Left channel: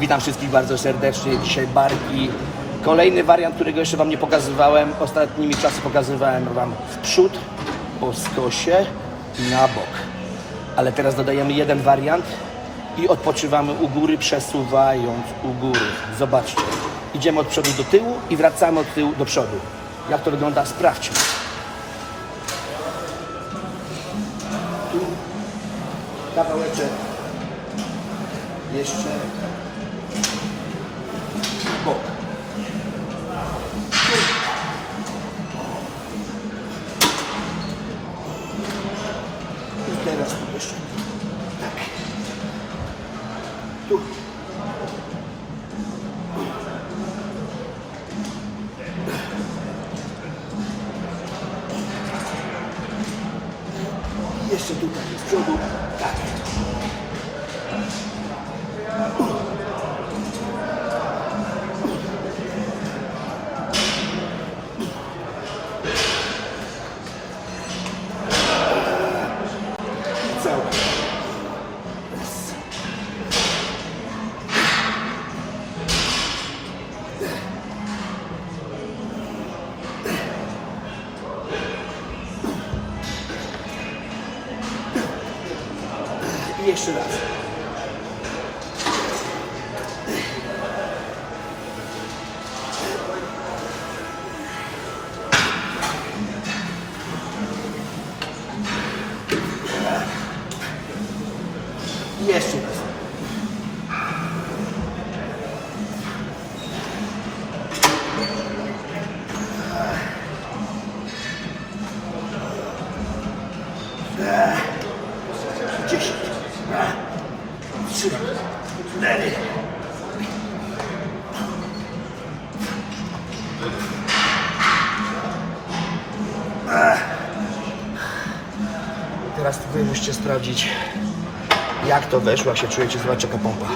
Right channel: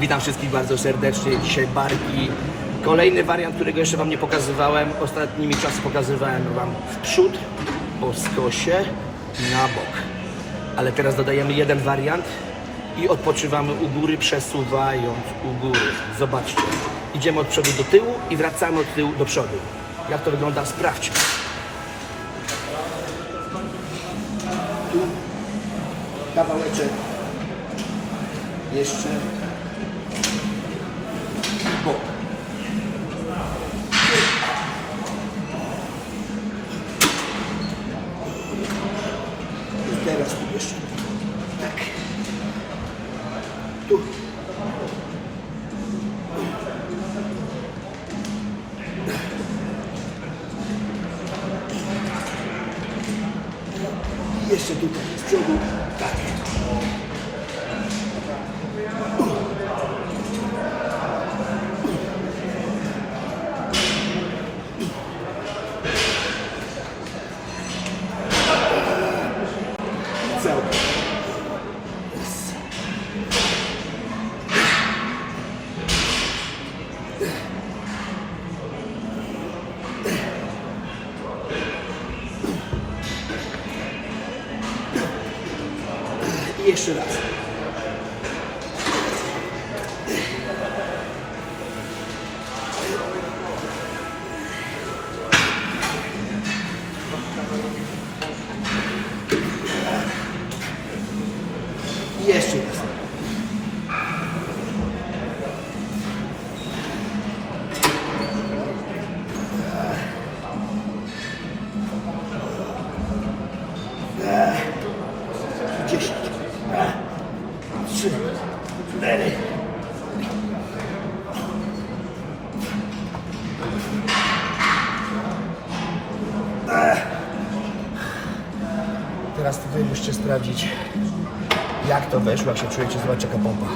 Witam wszystkich bardzo serdecznie. Dzisiaj barki. Kolejny wariant, którego jeszcze Wam nie pokazywałem. Ostatnimi czasy pokazywałem Wam w przód, po skosie, na bok. Ale teraz dodajemy jeden wariant i odpoczywamy u góry, przesuwając u góry. Zobaczcie. Idziemy od przodu do tyłu i wracamy od tyłu do przodu. Jak to wygląda? Sprawdźmy. Tu kawałeczek jeszcze bok. I teraz tu jeszcze. Tak. Tu. I jeszcze tutaj z przodu. Tak. I jeszcze raz. I jeszcze raz. Teraz wy musicie sprawdzić, jak to weszło, jak się czujecie, zobaczcie jaka pompa.